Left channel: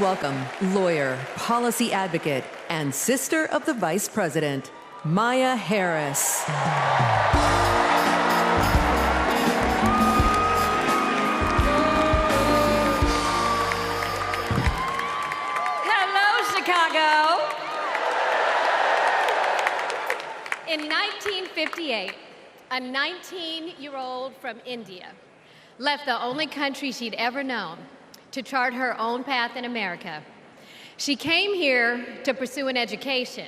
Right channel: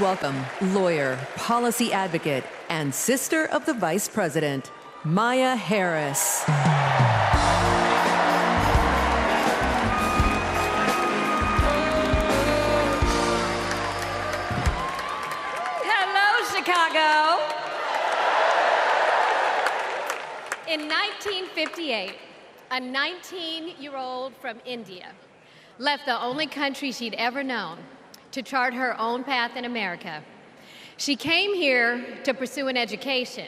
Welcome, lawyer, policy advocate, and sister of the Vice President, Kamala Harris. Hello, Chicago. In 1958, a 19-year-old from India left the only country she'd ever known to chart her own path in America. She came here to pursue an education,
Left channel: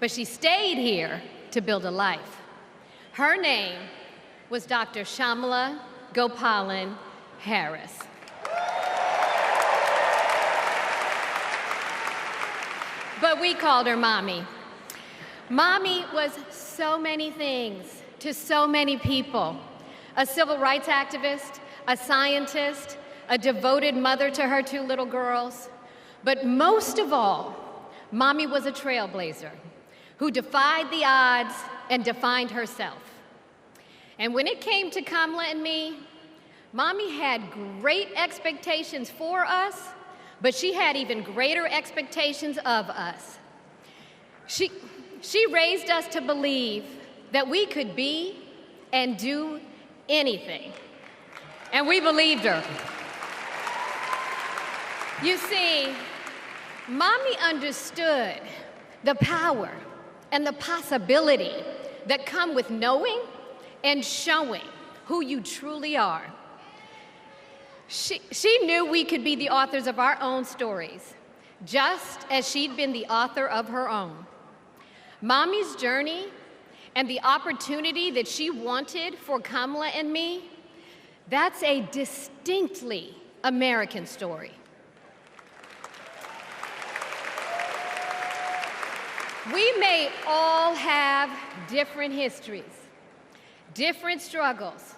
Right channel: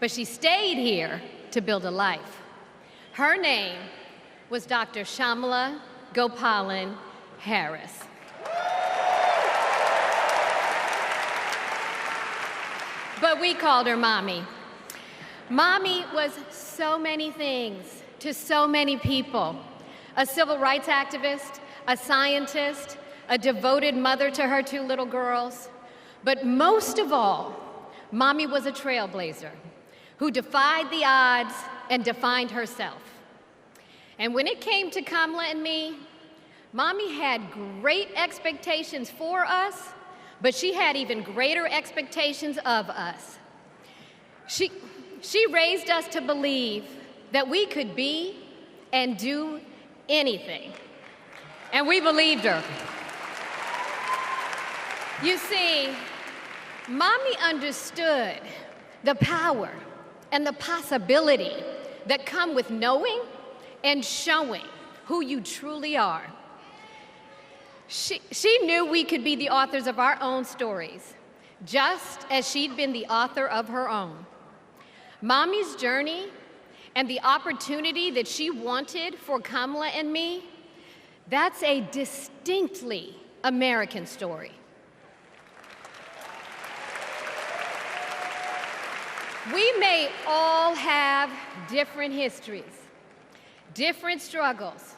but she stayed here to build a life. Her name was Dr. Kamala Harris. But we called her Mommy. Mommy was so many things to so many people: a civil rights activist, a scientist, a devoted mother to her two little girls. But most of all, Mommy was a trailblazer who defied the odds and defined herself. And when it came to Kamala and me, Mommy had great expectations for us, but she had even greater expectations of us. She raised us to believe that we could be and do anything. And we believed her. You see, Mommy understood the power and the possibility that come with knowing and showing who you truly are. She knew we could be the authors of our own stories, just as she'd been the author of her own. Mommy's journey and the opportunity that she wanted for Kamala and me, that's a distinctly American story. We may all have different histories, different struggles,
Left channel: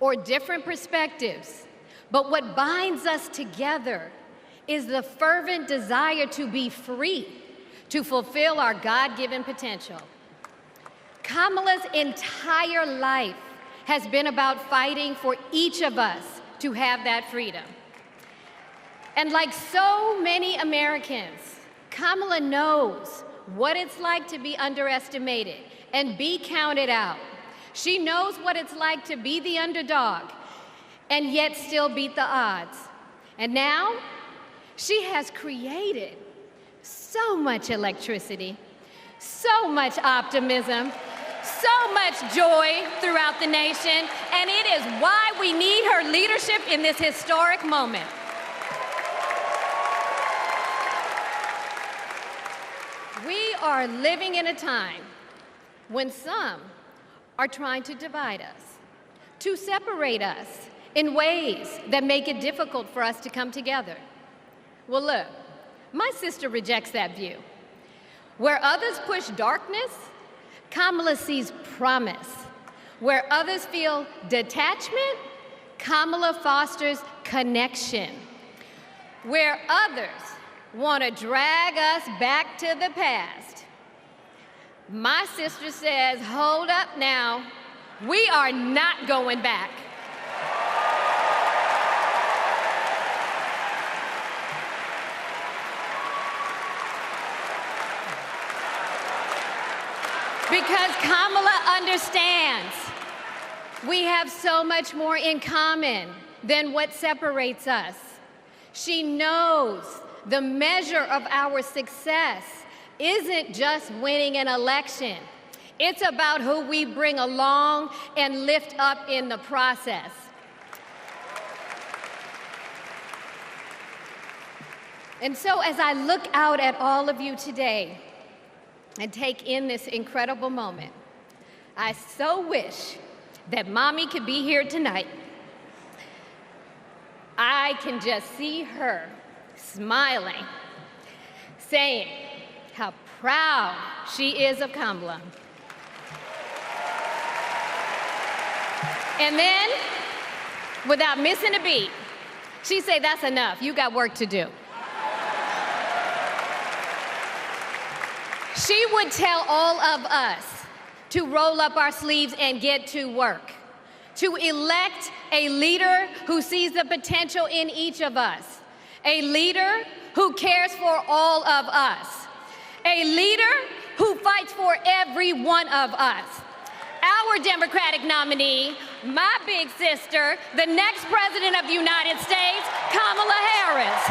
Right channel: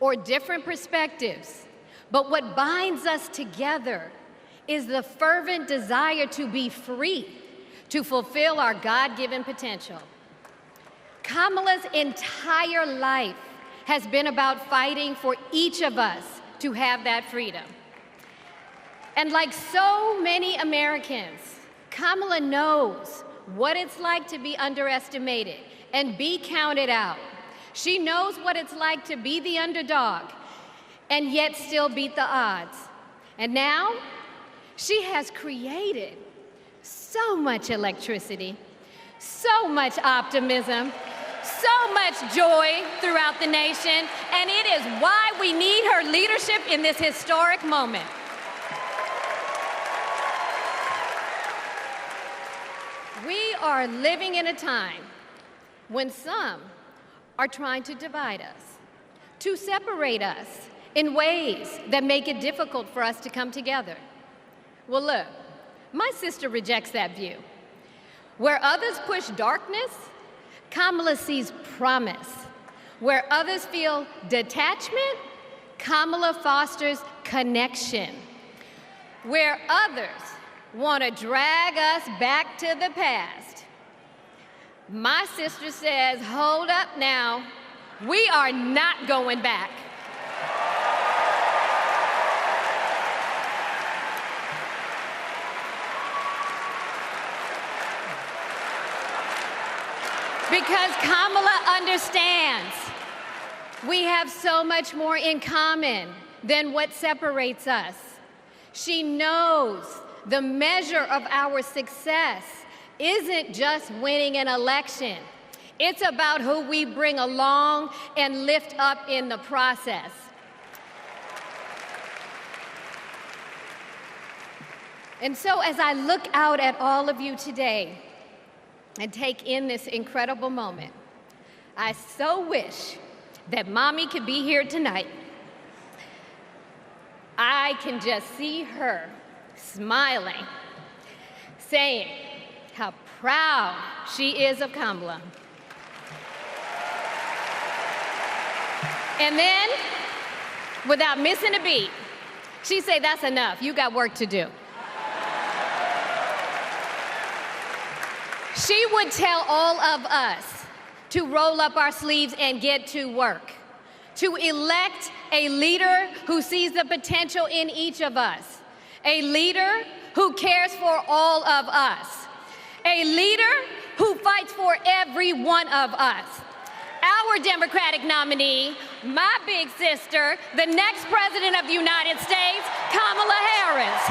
or different perspectives, but what binds us together is the fervent desire to be free, to fulfill our God-given potential. Kamala's entire life has been about fighting for each of us to have that freedom. And like so many Americans, Kamala knows what it's like to be underestimated and be counted out. She knows what it's like to be the underdog and yet still beat the odds. And now she has created so much electricity, so much optimism, so much joy throughout the nation, and it is why we need her leadership in this historic moment. We are living in a time when some are trying to divide us, to separate us in ways that make it difficult for us to come together. Well, look, my sister rejects that view. Where others push darkness, Kamala sees promise. Where others feel detachment, Kamala fosters connection. Where others want to drag us back to the past, my sister says, hold up now, we are not going back. Because Kamala understands we have so much more in common than what separates us. She knows the measure of our success isn't just winning an election. It's about who we bring along and lift up in the process. And so as I look out at all of you today and take in this incredible moment, I so wish that Mommy could be here tonight. I can just see her smiling, saying how proud she is of Kamala. And then, without missing a beat, she say, that's enough, you got work to do. She would tell all of us to roll up our sleeves and get to work, to elect a leader who sees the potential in each of us, a leader who cares for all of us, a leader who fights for every one of us. Our Democratic nominee, my big sister, the next President of the United States, Kamala Harris.